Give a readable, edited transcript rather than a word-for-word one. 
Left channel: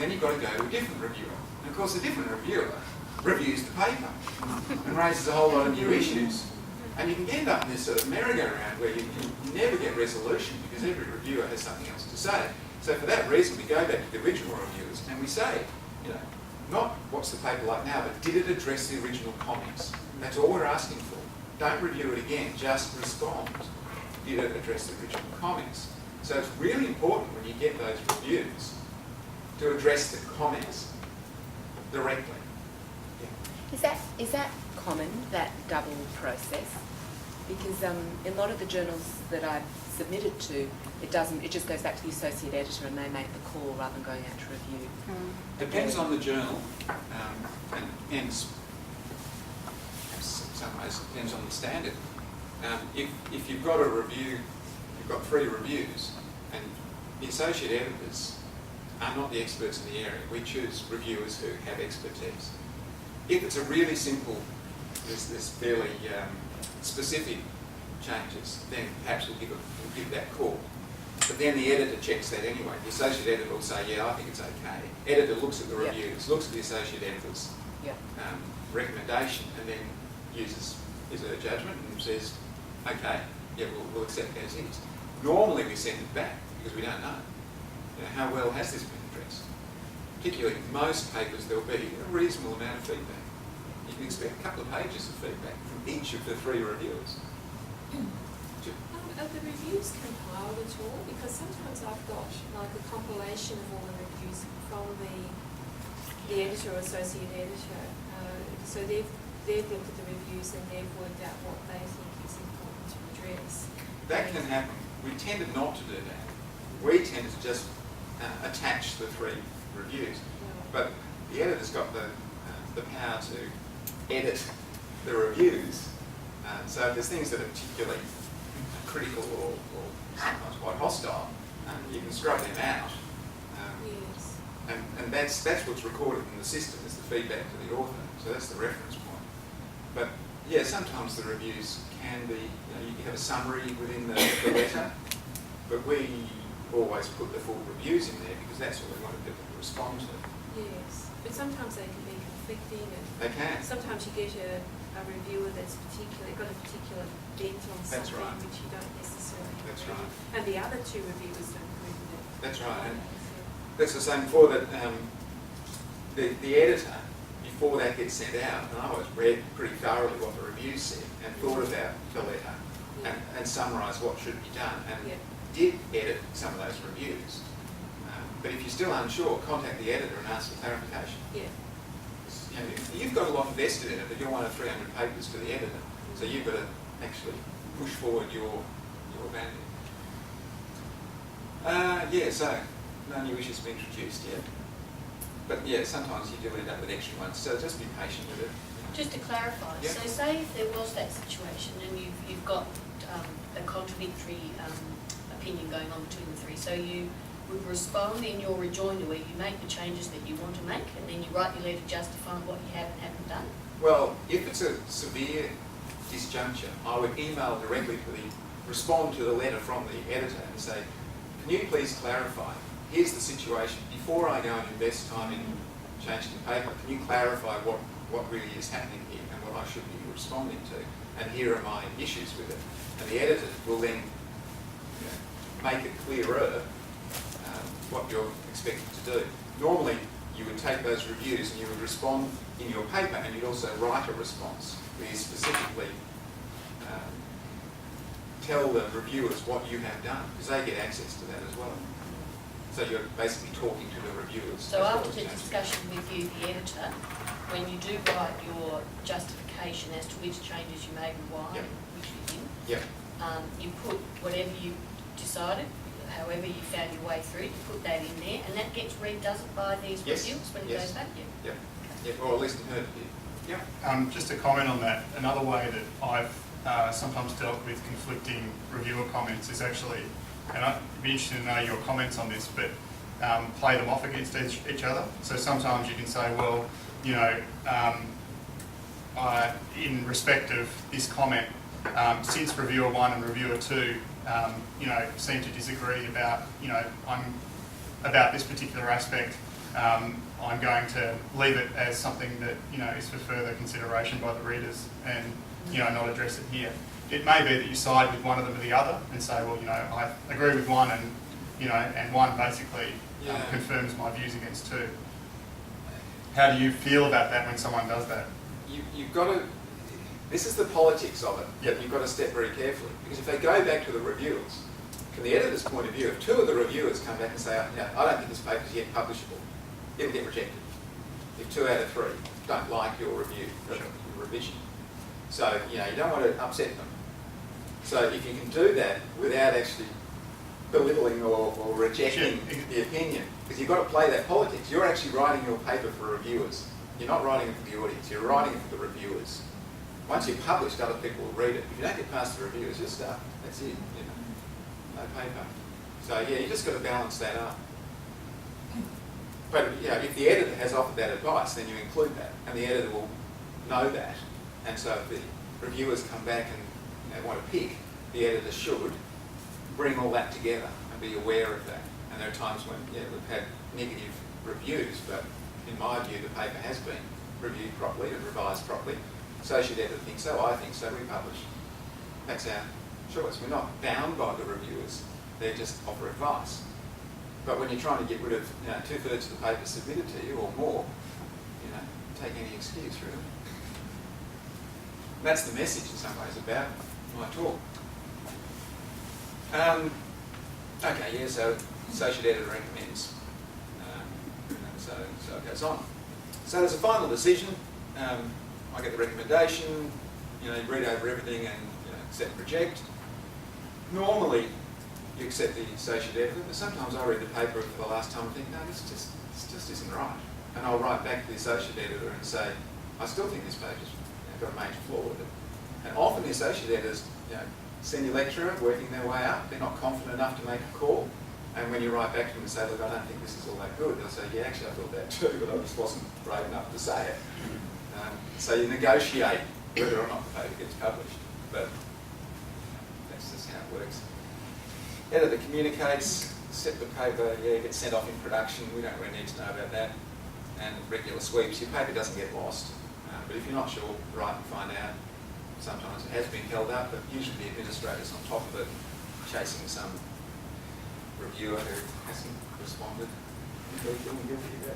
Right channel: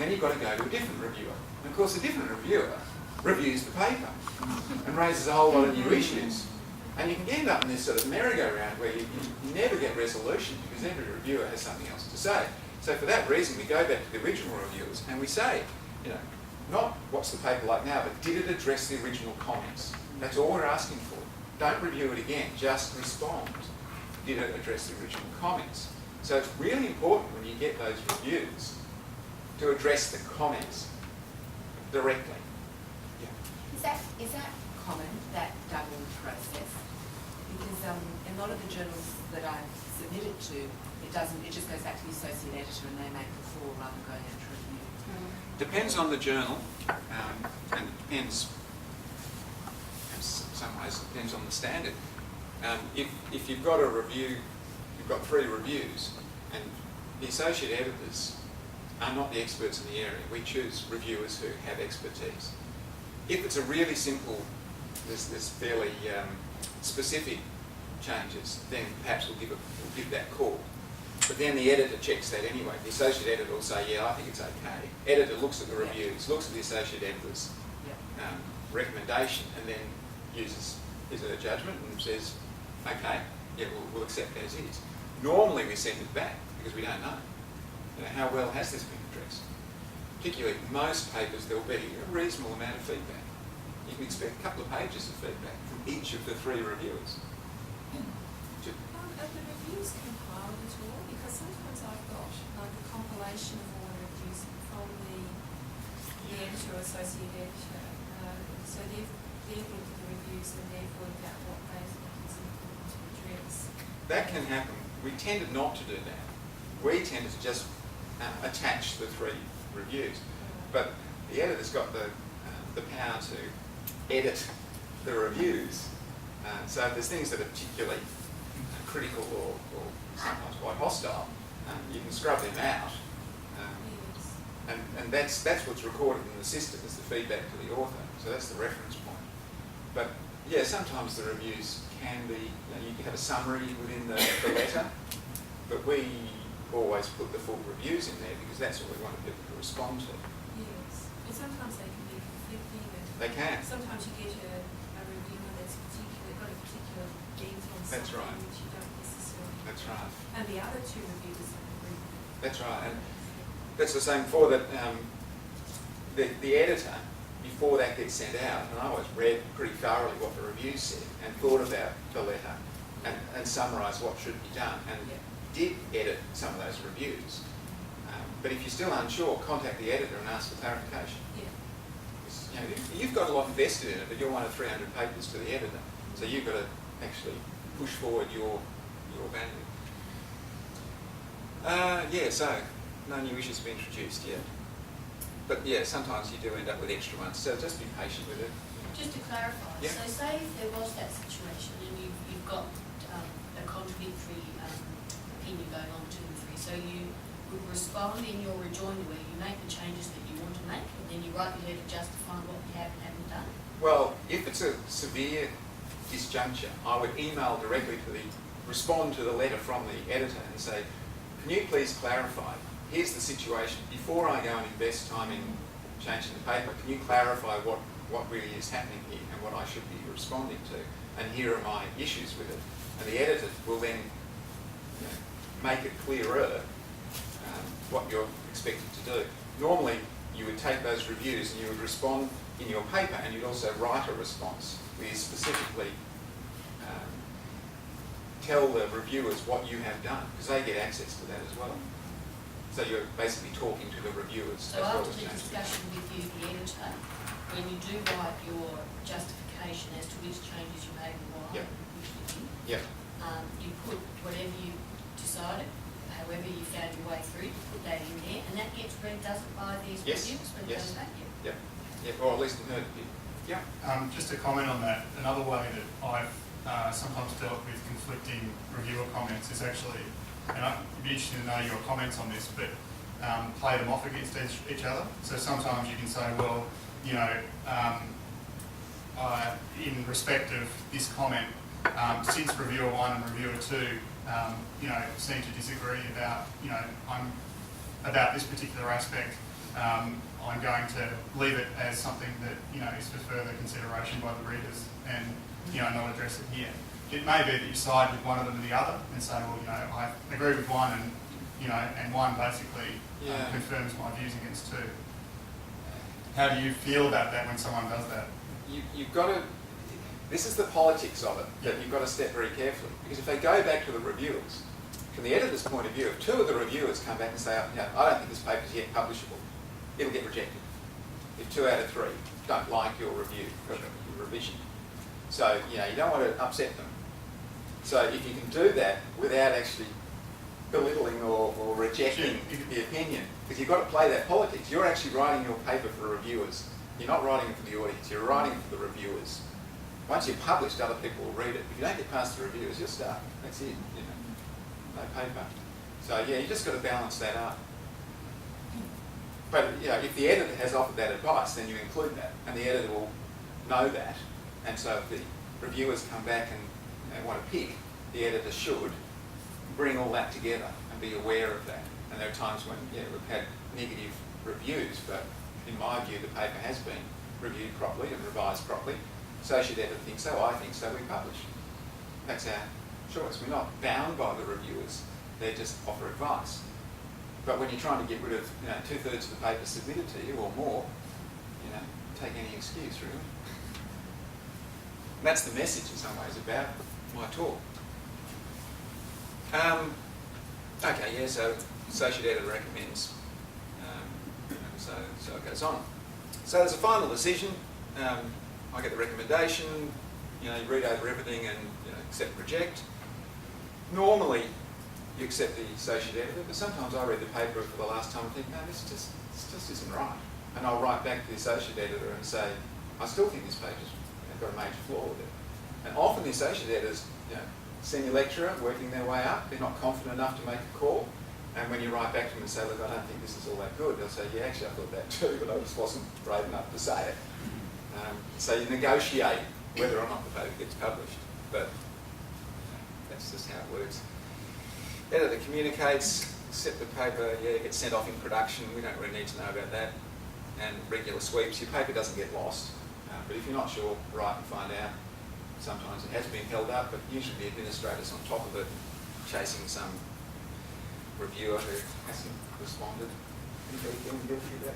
then you've got to go to a different reviewer. And of course, a different reviewer reviews the paper and raises a whole lot of new issues. And you can end up in this sort of merry-go-round where you never get resolution because every reviewer has something else to say. So for that reason, we go back to the original reviewers and we say, you know, not what's the paper like now, but did it address the original comments? That's all we're asking for. Don't review it again, just respond. Did it address the original comments? So it's really important when you get those reviews to address the comments directly. Yeah. Is that common, that double process? Because in a lot of the journals that I've submitted to, it doesn't. It just goes back to the associate editor and they make the call rather than going out to review. Depends on the journal, and depends. In some ways, it depends on the standard. If you've got a review, you've got 3 reviews, and the associate editors are not the experts in the area. We choose reviewers who have expertise. If it's a really simple, there's fairly specific changes, then perhaps we'll give that call. But then the editor checks that anyway. The associate editor will say, yeah, I think it's okay. Editor looks at the reviews, looks at the associate editor's recommendation, and then uses her judgment and says, okay, yeah, we'll accept as is. Normally we send it back because we don't know. You know, how well has this been addressed? Particularly most papers, there'll be a reasonable amount of feedback. You can expect a couple of pages of feedback from each of the 3 reviewers. Are the reviews compiled at all? Because sometimes I've got like a compilation of all the reviews from the editor or associate editor. So they've looked at the reviews and they've worked out what they think is important to address. That can happen. We tended not to do that. We tended to just attach the 3 reviews. But the editor's got the power to edit the reviews. So if there's things that are particularly critical or sometimes quite hostile, you can scrub them out. And that's what's recorded in the system is the feedback to the author. So that's the reference point. But yeah, sometimes the reviews can be, you can have a summary within the letter, but we always put the full reviews in there because that's what we wanted people to respond to. Yes, but sometimes they can be conflicting. And they can. Sometimes you get a reviewer that's got a particular bent on something which you don't necessarily have. That's right. And the other 2 reviewers don't agree with it. That's right. And that's the same before that the editor, before that gets sent out, and I always read pretty thoroughly what the reviews said and thought about the letter and summarised what should be done and did edit some of those reviews. But if you're still unsure, contact the editor and ask for clarification. Yeah. You know, you've got a lot invested in it, but you're one of 300 papers to the editor, so you've got to actually push forward your value. So no new issues have been introduced yet. But yeah, sometimes you do end up with extra ones, so just be patient with it. Just to clarify, so say if there was that situation and you've got a contradictory opinion going on 2 and 3, so you would respond in your rejoinder where you make the changes that you want to make and then you write your letter justifying what you have and haven't done? Well, if it's a severe disjuncture, I would email directly respond to the letter from the editor and say, can you please clarify, here's the situation, before I go and invest time in changing the paper, can you clarify what really is happening here and what I should be responding to, and here are my issues with it. And the editor will then make it clearer what you're expected to do. Normally, you would take those reviews and you would respond in your paper and you'd also write a response where you specifically tell the reviewers what you have done, because they get access to that as well. So you're basically talking to the reviewers. So after the discussion with you, the editor, when you do write your justification as to which changes you made and why, which you didn't, you put whatever you decided, however you found your way through, you put that in there, and that gets read, does it, by these reviewers when it goes back? Or at least in her view. Just to comment on that, another way that I've sometimes dealt with conflicting reviewer comments is actually, and I'd be interested to know your comments on this, but play them off against each other. So sometimes you can say, well, you know, in respect of this comment, since reviewer 1 and reviewer 2, you know, seem to disagree about, you know, about this particular aspect, I'm going to leave it as something that, is for further consideration by the readers and, not address it here. It may be that you side with one of them or the other and say, well, I agree with one and one basically confirms my views against two. How do you feel about that when someone does that? You've got to, this is the politics of it, that you've got to step very carefully. Because if they go back to the reviewers, from the editor's point of view, if two of the reviewers come back and say, I don't think this paper is yet publishable, it'll get rejected. If 2 out of 3 don't like your review, your revision. So, you don't want to upset them. So if you can do that without actually belittling or rejecting the opinion, because you've got to play that politics. You're actually writing your paper for reviewers. You're not writing it for the audience, you're writing it for the reviewers. Once you're published, other people will read it. If you don't get past the reviewers, you're stuck. That's it, no paper. So you just got to balance that up. But if the editor has offered that advice, then you include that, and the editor will know that. And so if the reviewers come back and want to pick, the editor should bring all that together and be aware of that. And there are times when we've had negative reviews, but in my view the paper has been reviewed properly and revised properly. Associate editor thinks so, I think so, we publish. That's our choice. We're not bound by the reviewers, they just offer advice. But when you're trying to get rid of 2/3 of the paper submitted to you or more, take any excuse really. And that's the message in some ways about my talk. So associate editor recommends. So it goes on. So there's a final decision. I get the recommendation. You read over everything and accept and reject. Normally, you accept the associate editor, but sometimes I read the paper for the last time and think, no, this just isn't right. And I'll write back to the associate editor and say, I still think this paper's got a major flaw with it. And often the associate editors, senior lecturer working their way up, they're not confident enough to make a call. And when you write back to them and say, look, I don't think this is all that good, they'll say, yeah, actually I thought that too, but I just wasn't brave enough to say it. So you negotiate whether or not the paper gets published, but that's just how it works. Editor communicates, accept the paper, gets sent off in production, we don't really need to know about that. And regular sweeps, your paper doesn't get lost, but if you're not sure, write and find out. Sometimes it has been held up, but usually the administrator's on top of it, chasing some reviewer who hasn't responded. Anybody feeling guilty about